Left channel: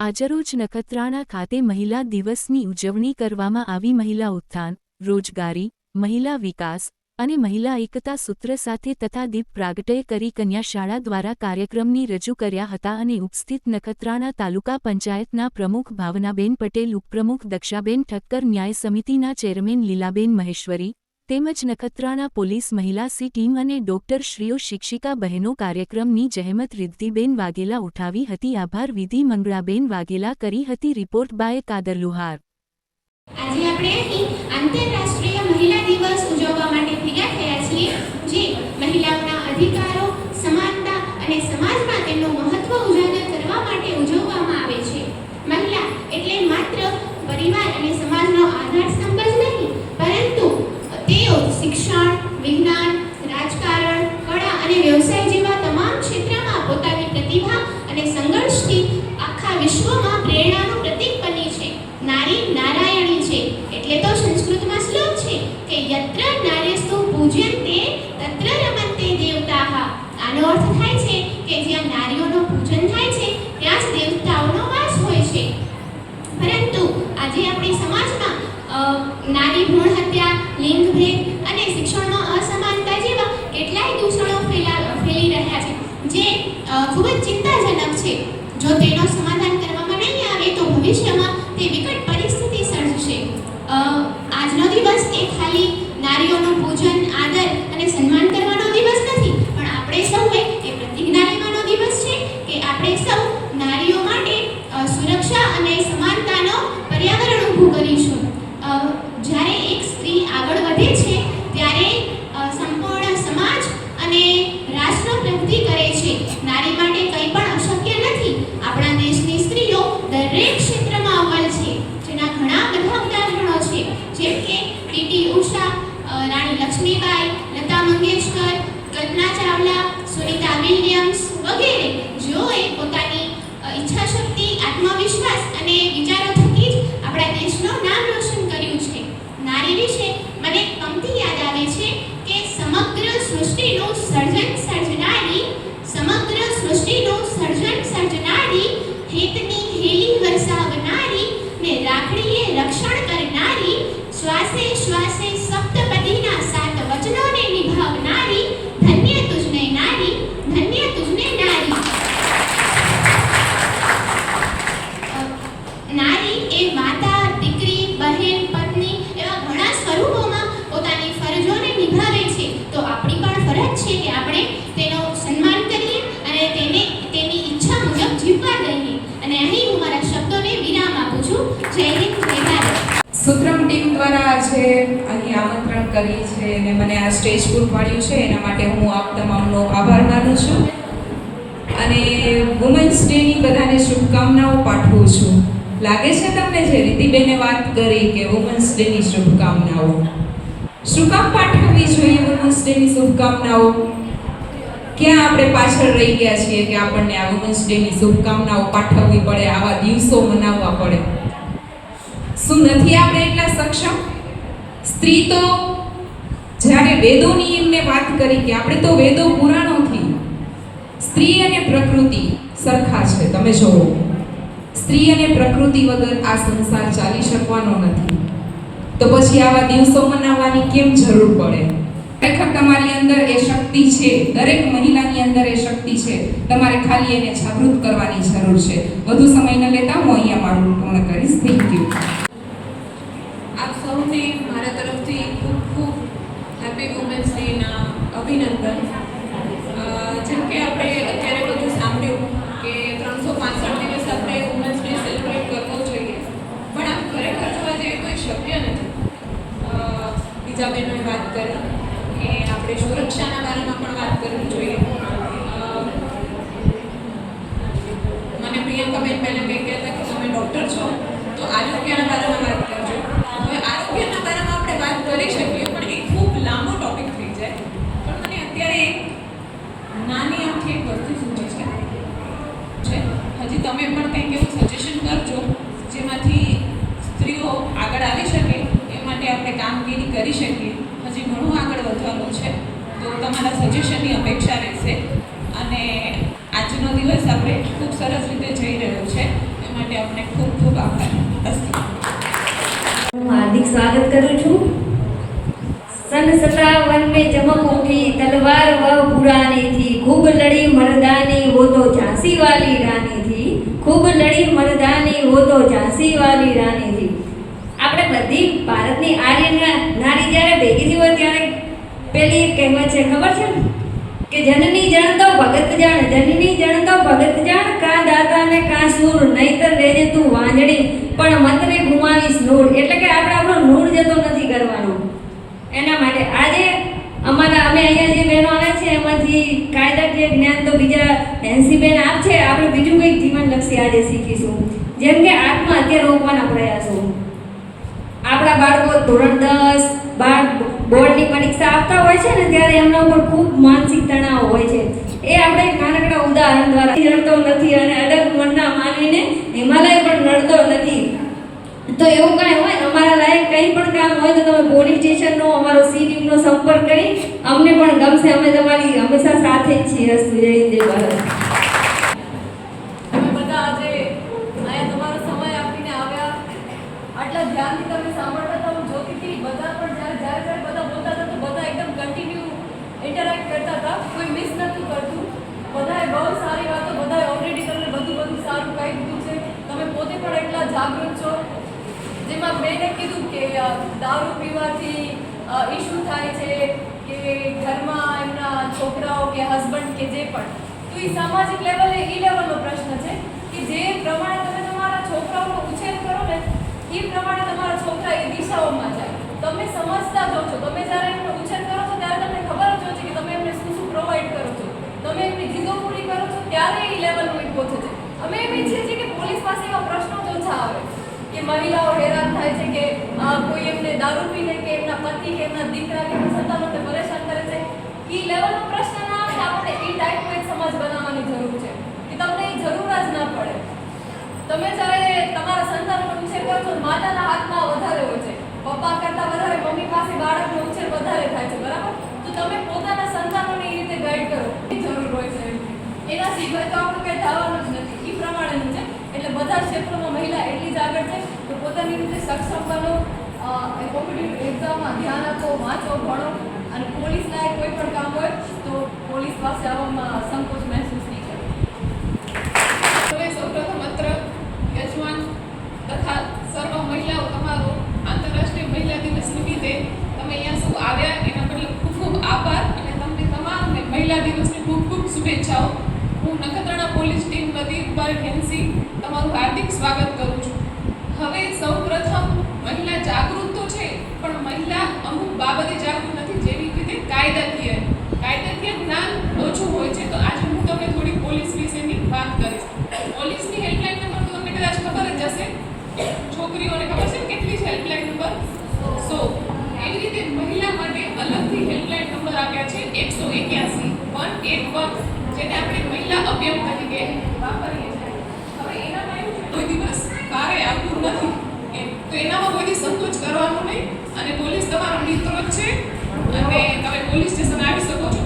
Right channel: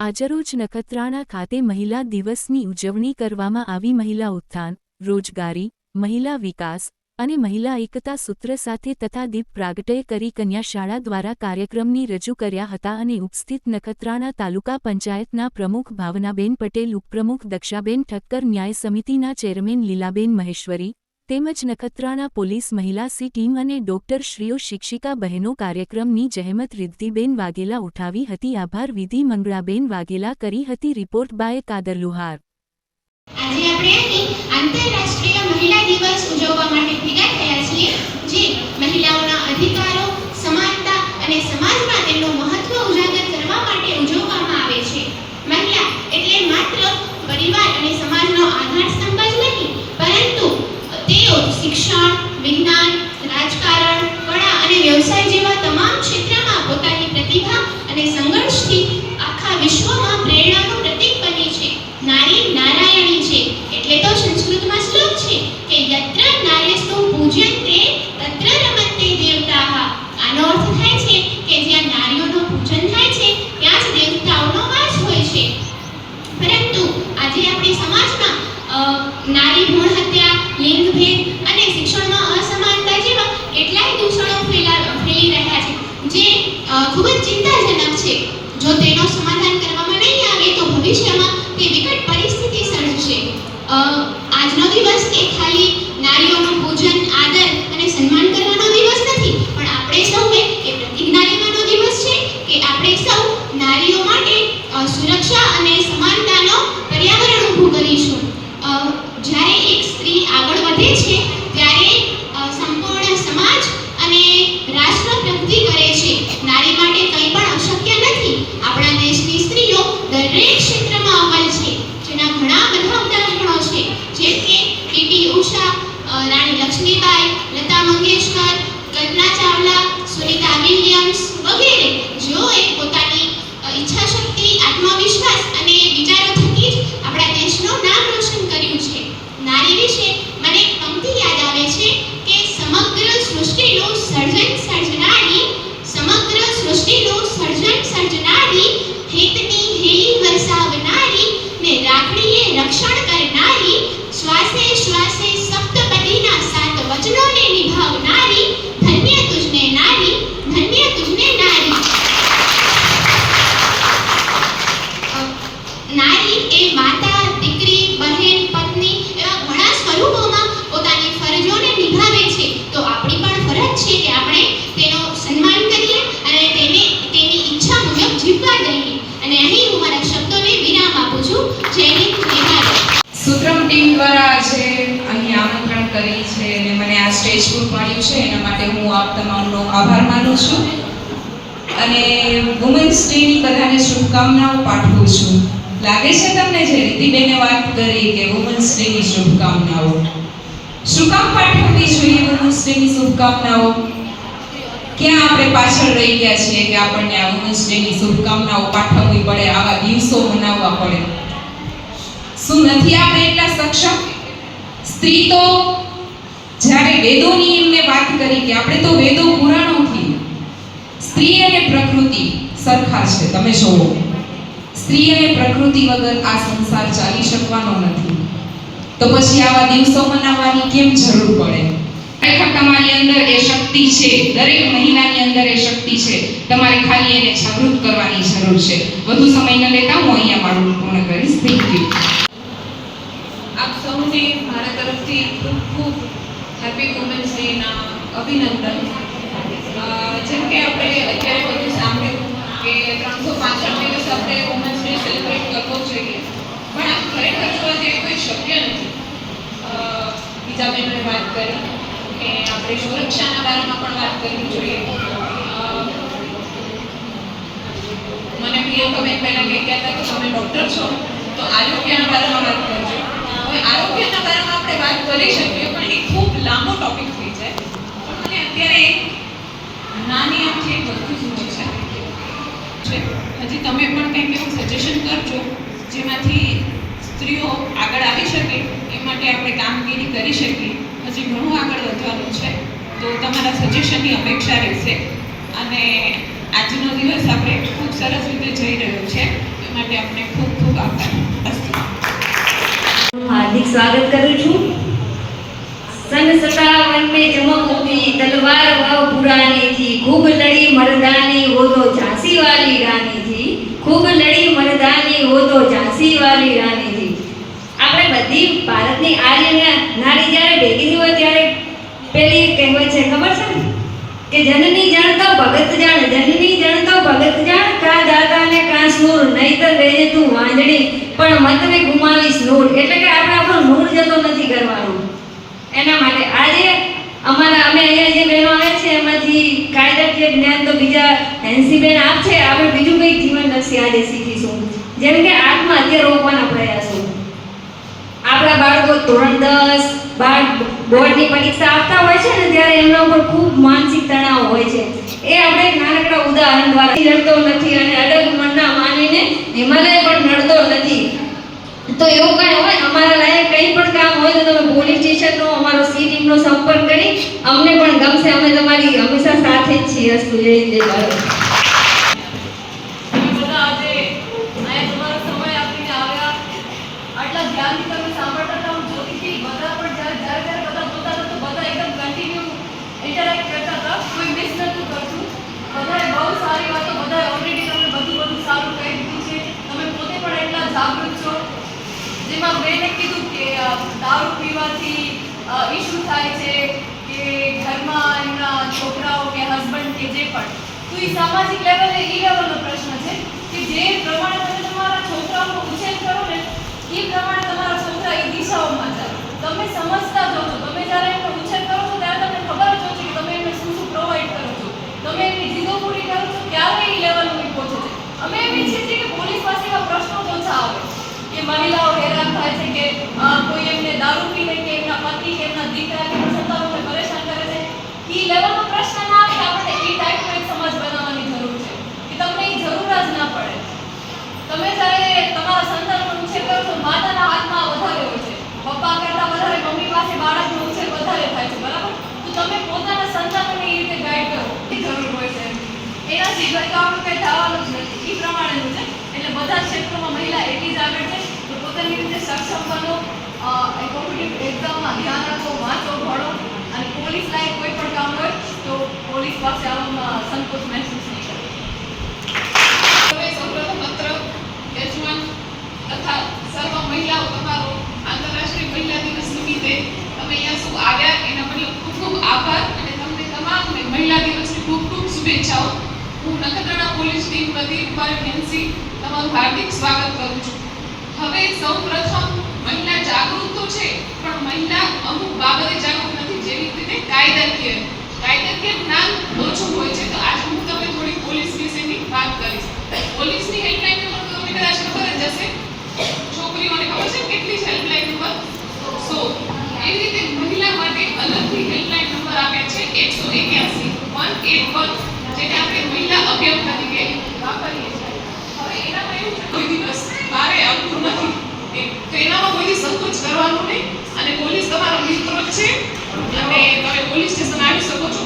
આજરોજ નખત્રાણા ખાતે મહિલા દિવસની ઉજવણી કરવામાં આવી। મહિલા ઉત્થાન, રોજગારી, મહિલા વિકાસ અને મહિલા એકતા સૂત્ર સાથે તથા દીપ પ્રાગટ્ય કરી કન્યાશાળા દ્વારા કાર્યક્રમની રજૂ કર્યા હતા અને ઉપસ્થિત નખત્રાણા તાલુકા પંચાયતના પ્રમુખ ભાવનાબેન પટેલ, ઉપપ્રમુખ દક્ષાબેન ઠક્કર, ન્યાય સમિતિના ચેરમેન લીલાબેન મહેશ્વરી તેમજ નખત્રાણા પોલીસ મહિલા સી ટીમ અને ડોક્ટરશ્રીઓ, શિક્ષિકા બહેનો કાર્યક્રમની જહેમત રિદ્ધિબેન વાઘેલા ઉઠાવી હતી। આભાર વિધિ મંગળાબેન વાઘેલા કરી હતી। રિપોર્ટ બાય કાદર લુહાર। આજે આપણે અહીં આંતરરાષ્ટ્રીય મહિલા દિવસ ઉજવવા માટે ભેગા થયા છીએ, જે મહિલાઓના અધિકારો, સમાનતા અને સમાજમાં તેમનું મહત્વ ઉજાગર કરવા માટે ઉજવવામાં આવે છે। મહિલા એટલે માત્ર પરિવાર અને સમાજનો આધારસ્તંભ જ નહીં, પરંતુ તેઓ શિક્ષણ, વિજ્ઞાન, રાજકારણ, કળા અને વ્યવસાય જેવા તમામ ક્ષેત્રમાં પોતાની પ્રતિભા અને સંઘર્ષથી આખા વિશ્વમાં પ્રેરણાનું પ્રતીક બની છે। નારી નારાયણી છે એટલે તો સંસ્કૃતમાં શ્લોક છે કે યત્ર નાર્યસ્તુ પૂજ્યન્તે તત્ર રમન્તે દેવતાઃ। આનો અર્થ થાય છે કે જ્યાં નારીઓનું પૂજન થાય છે ત્યાં જ દેવતાઓનો વાસ હોય છે। પરંતુ આજે આપણી સમાજમાં નારી ભ્રૂણ હત્યા, લિંગભેદ અને શિક્ષણમાં અસમાનતા જેવા કેટલાય દૂષણો ફેલી રહ્યા છે, જે ખૂબ જ ચિંતાજનક છે। જો તેનો સમાધાન કરવામાં નહીં આવે તો ભવિષ્યમાં તે વિકટ પરિસ્થિતિ સર્જશે। આજનો દિવસ એ ખાલી નારીઓનું પૂજન, આદર અને સન્માન કરવાનો દિવસ નથી, પણ આપણે સૌએ એ પ્રતિજ્ઞા લેવાનો દિવસ છે કે આપણે સૌ નારીઓ માટે સુરક્ષા અને સમાનતાનો પર્યાવરણ ઊભું કરીશું। જ્યારે એક સ્ત્રી આગળ વધે છે ત્યારે સંપૂર્ણ સમાજ અને રાષ્ટ્ર પ્રગતિ કરે છે। નારી માટે કંઈ પણ અશક્ય નથી। આપણા દેશની સ્ત્રીઓ દરેક ક્ષેત્રમાં અવ્વલ છે, જેના ઘણા બધા ઉદાહરણો છે, જેમ કે પીટી ઉષા, રાણી લક્ષ્મીબાઈ, લતા મંગેશકર, કલ્પના ચાવલા, સુનીતા વિલિયમ્સ વગેરે, જેઓએ પોતાની ઈચ્છાશક્તિ, આત્મવિશ્વાસ અને વિચારો થકી જ આપણા દેશનું નામ રોશન કર્યું છે। નારી વિશે મને એક પંક્તિ યાદ આવે છે કે સમગ્ર સૃષ્ટિનું સર્જન સર્જનારી, સમગ્ર સૃષ્ટિનું સર્જન સર્જનારી, હેતની હેલી વરસાવનારી ને રાખડીએ રક્ષણ કરનારી, શ્વાસે શ્વાસે સપ્તપદીના 7 વચનોને નિભાવનારી, ધન્ય તુજને નારી, ધન્ય તુજને નારી। નારી એ માતા, દીકરી, બહેન, પત્ની એવા ઘણા સ્વરૂપોમાં પોતાની ફરજોને નિભાવે છે। તો આપણી પણ ફરજ છે કે આપણે તેનો સન્માન કરીએ અને તેની ઈચ્છા મુજબ જીવવા દઈએ। અને અહીં હું મારા શબ્દોને વિરામ આપું છું। જય હિન્દ, જય ભારત। સુત્રમ ટીમ દ્વારા આજે અહીં આમંત્રણ કરી છે અને મને આ સ્ટેજ પર મળ્યું છે, એના માટે હું આપ તમામનો આભાર માનું છું અને વુમન્સ ડેની બધાને શુભકામનાઓ પાઠવું છું। લાગે છે તમને જે રીતિબેને વાત કરી કે વુમન્સ ડેની શુભકામનાઓ, શું કામ પાઠવવી જોઈએ વુમન્સ ડેની શુભકામનાઓ? ક્યાં આપણે પાછળ રહી ગયા છીએ કે આપણને આ વુમન્સ ડેની શુભકામનાઓ પાઠવવી પડે, આવા દિવસો મનાવવા પડે? શું નથી આપણે એટલા સક્ષમ? સ્ત્રી તો જ્યારે વેદોની એમને વાત કરી કે આપણે તો વેદો પુરાણોથી, સ્ત્રી અને પ્રકૃતિ સરખા છે। તમે જોવો, સ્ત્રી અને પ્રકૃતિ વગર આ સંસાર ચાલી શકવાનો નથી, તો પછી આવા દિવસો મનાવવાની કેમ જરૂર પડે? ખરેખર તમારી અંદર એ શક્તિ છે, દરેક મહિલાની અંદર એ શક્તિ છે, તમારે ખાલી એને જાગૃત કરવાની જરૂર છે। વધુ સમય ન લેતા હું અહીંયા મારું પૂર્ણ કરીશ। Thank you. આપ સૌને મારા તરફથી ખૂબ ખૂબ હેપી વુમન્સ ડેના અભિનંદન। જેમ કે આપણે અત્યારે બધું સાંભળ્યું કે 365 દિવસ આપણે વુમન્સ ડે સેલિબ્રેટ કરવો જોઈએ, પણ આ ખરેખર જોવા જઈએ તો શક્ય નથી। બીજા બહેનોએ વાત કરી કે આપણે સુરક્ષાના બારામાં પણ વાત કરવી જોઈએ। મને પ્રિયંકાબેન પહેલાં કહી ગયા હતા કે તમે ડૉક્ટર છો તો આરોગ્યના બારામાં વાત કરજો। હવે આરોગ્યના બારામાં આપણે વાત કરી શકીએ, પણ એ ખૂબ લાંબો ટોપિક થઈ જાય। પણ મને અત્યારે નાની આમથી એક વસ્તુ સૂચી છે, હજી તમે પણ કંઈક એવું સજેશન કરજો જેમાંથી સ્ત્રીઓ આગળ આવી શકે, એ માટે આપણે કામગીરી કરી શકીએ। હજી ઘણું આગળ વધવાનું છે, તો તમારા સજેશનની અપેક્ષા રહેશે। અને આજનો દિવસ આપણે ખૂબ સરસ રીતે જઈ રહ્યો છે, માટે આપણે ખૂબ ખૂબ આભાર. અસ્તુ. हार्दिक स्वागत करूँ छूँ. सन 57 में चमक उठी तलवार वह पुरानी थी, खूब लड़ी मर्दानी वो तो झांसी वाली रानी थी, खूब लड़ी मर्दानी वो तो झांसी वाली रानी थी. આપણે બધી ભારતની આર્ય નારી જ્યારે ભેગી થઈ હોય ત્યારે પેલી કહેવત છે ખબર છે ને કે જનની જાણતો ભગત જાણ, જનની જાણતો ભગત જાણ, કા દાતા ને કા સૂર, નહીતર રહેજે તું વાંજણી પણ મતને ગુમાવીશ નૂર. એટલે કે આપણે આપણો નૂર જતો નથી કરવાનું. એના માટે આજે અમે અહીંયા જે બહેનો આવે છે એમાંથી કાયદાકીય જ્ઞાન તો બીજા હેન્સીબેન આપ છે. આપણે બીજું કંઈક જીવનલક્ષી આજે શીખીશું, જેમ કે આત્મહત્યા રોકવાના પ્રયાસો. આપણા બાળકો ધોરણ 10 બોર્ડની પરીક્ષા આપતા હોય છે ને ત્યારે એમના ઉપર ખૂબ માનસિક તણાવ હોય છે. એ આપણે એક નાનકડા ઉદાહરણ દ્વારા લડતો નથી અને અડગ મનના માનીને હિમાલય પણ લડતો નથી. તો એવું કાંઈ હોય અમારા લાયક કંઈ પણ કામ હોય તો તમે પોલીસ સ્ટેશનનો અમારો સી ટીમનો સંપર્ક કરી અમને પણ ગમશે. અમે તમારી હંમેશા સાથે જ છીએ. અસ્તુ. જય હિન્દ, જય ભારત. તમે બધા આજે અહીંયા તમારો સમય આપીને આવ્યા, આટલા ધ્યાનથી તમે સાંભળતા હતા. હું જોતી હતી બધા પણ જ્યારે બધા બોલતા હતા તો બધા એકદમ કન્ટિન્યુ ઇન્ટરેક્ટ કરતા હતા, કોઈ મિસ નહોતું કરતું. બધાએ બહુ સારી વાતો, બધાએ ઓલરેડી તમને બધું સારું કહી દીધું છે. તમે પોતે પણ એટલા જાગૃત છો. જેમાં બેને કીધું કે દારૂ પીવાથી ઇશ્યુ થાય છે કે ઘરમાં એમના છોકરાઓ કે હસબન્ડ કે જે પણ, તો એ સામાજિક લેવલે એ લેવલનો પ્રશ્ન છે કે જે પ્રમાણે તમે તમારા છોકરાઓનો ઉછેર કરો ને એ પ્રમાણે તમારા છોકરા એ દિશાઓમાં જાય. તમે સમજતા જો છો. તમે જ્યારે એમનો ઉછેર કરો છો ત્યારે તમને ખબર જ હોય છે કે તમે એમને શું પ્રોવાઈડ કરો છો, તમે એમની જીદો પૂરી કરો છો, ત્યારે એ લેવલ સુધી પહોંચે છે. અમે એમ ઈચ્છીએ છીએ કે પોલીસ પાસે એવા પ્રશ્નો જ ઓછા આવે કે મહિલાઓ હેરાન થાય છે કે કોઈ એમને દારૂ પીને કે એમના પતિ કે એમના દીકરા કે એમના સંતાનોને પરેશાન કરે છે. એ લેવલનો પ્રશ્ન ના આવે. આપણે એ ટાઈપનો એક સમાજ બનાવવાની જરૂર છે કે તમને એ જરૂર જ ના પડે. તમે જ્યારે તમારા સંતાનનો ઉછેર કરો છો, માતાના હાથમાં વધારે હોય છે, પપ્પા કરતાં વધારે મમ્મી પાસે બાળકનો ઉછેર વધારે થાય છે, બરાબર? તો તમે પોતાના સંતાનોને એ રીતે ગાઈડ કરો એ જરૂર હોય છે. એના સિવાય તો આપણે કંઈ થવાનું જ નથી. એ પ્રમાણેનું છે. એટલે બધા ક્ષેત્રોમાં મહિલા એટલી જ આગળ છે. તો પોતાની રીતે સક્ષમ બનો, કોમ્પિટિટિવ એક્ઝામમાં ધ્યાન આપો, વાંચો, ભણો અને પોલીસ લાયક કોઈ પણ કામ હોય તો પોલીસ પાસે આવવામાં સંકોચ મહેસૂસ નહીં કરો. હવે સૌપ્રથમ અત્ર યજમાન તથા સર્વ મહિલાઓ તમારો આંતરરાષ્ટ્રીય મહિલા દિવસ નિમિત્તે તમે અહીંયા શું આવ્યા એના બદલ ખૂબ ખૂબ આભાર અને તમને તમામને મહિલા દિવસની ખૂબ ખૂબ શુભેચ્છાઓ. હું નખત્રાણા પોલીસ ટીમ વતી રૂપાલી હેન્સી તમારું હાર્દિક સ્વાગત કરું છું. હવે સૌપ્રથમ મહિલા જાગૃત તો છે પણ મહિલા અમુક બાબતે જાગૃત નથી, જેવી રીતે કાયદાકીય જ્ઞાન ઓછું હોય છે. તો આજે હું તમને થોડી પોલીસ વિશેની વાત કરીશ. પોલીસની હેલ્પલાઇન નંબર તો તમને કદાચ ખબર જ હશે. છોકરીઓને ખબર છે કેટલી છે હેલ્પલાઇન નંબર? 100. એવી રીતે મહિલા માટે અલગથી હેલ્પલાઇન નંબર આપ્યા છે 181 જેને આપણે મહિલા અભિયાન તરીકે વાપરીએ છીએ. હવે એનામાં એવું છે કોઈ દિવસ બારે આવતું નથી, તો એનામાં કોઈ સંકોચ કરવાનું નહીં. અને પોલીસ તમારો મિત્ર જ છે અને તમે પોલીસ સ્ટેશન આવી શકો છો.